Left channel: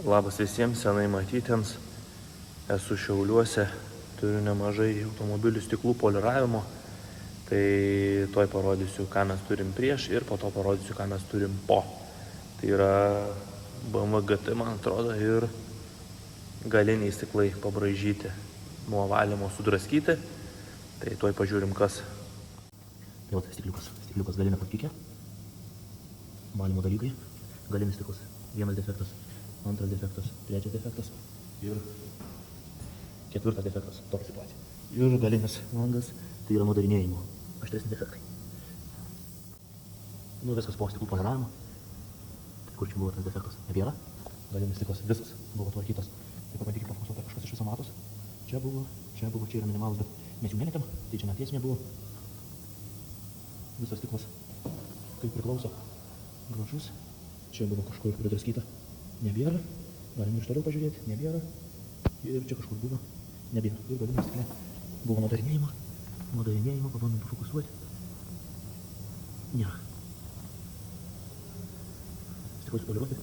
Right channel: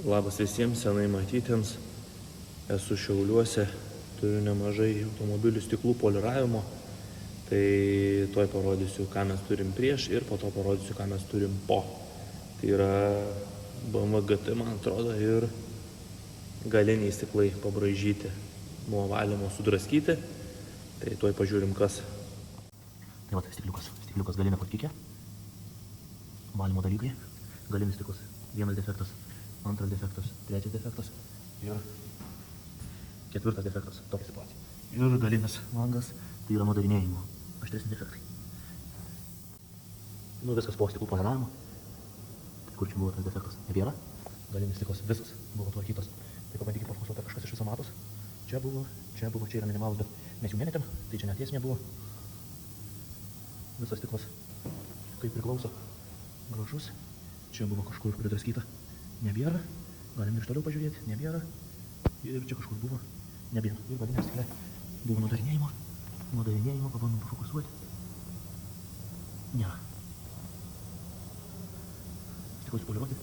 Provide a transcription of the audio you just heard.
Labas visiems senai matytiems. Esu Šiauliuose, turiu nemažai automobilių stiklų poliravimo. Tai tuoj parodysiu, ką mes turim prieš ir po to parodysiu, ką mes turim po. Tai yra BMW GT, man atrodo, ir galiniai stiklai pabraižyti, nuo valymo sudraskyti. Tai tuoj pažiūrim, kas. Tai va, stikliukas galinė patikė. Valymo dalykai, galinis stiklus. Vienas defektas, antras defektas, trečias defektas ir ketvirtas defektas. Tokia situacija. Ir galinis langas, tai yra nudarinėjimo. Aštresni defektai. Viskas po stiklų planavimo. Kur čia buvo tas defektas? Nebėra. Galinis stiklas visas buvo tvarkytas. Tai pabandykime pafokusuoti kažkas iš viso matos. Čia buvo, čia yra minimalus, bet mes jų nemetėm, tai čia net esmė buvo. Visas stiklas kaip priklauso. Gražus. Čia buvo kažkur pridraskyta. Nebėra. Galim ir toliau pažiūrėti. Nebėra. Ir čia kažkur buvo. Nebėra. Ir galinė stiklė. Buvo nudarinėjimo. Pabandom pafokusuoti. Ne. Stiklus poliruoti.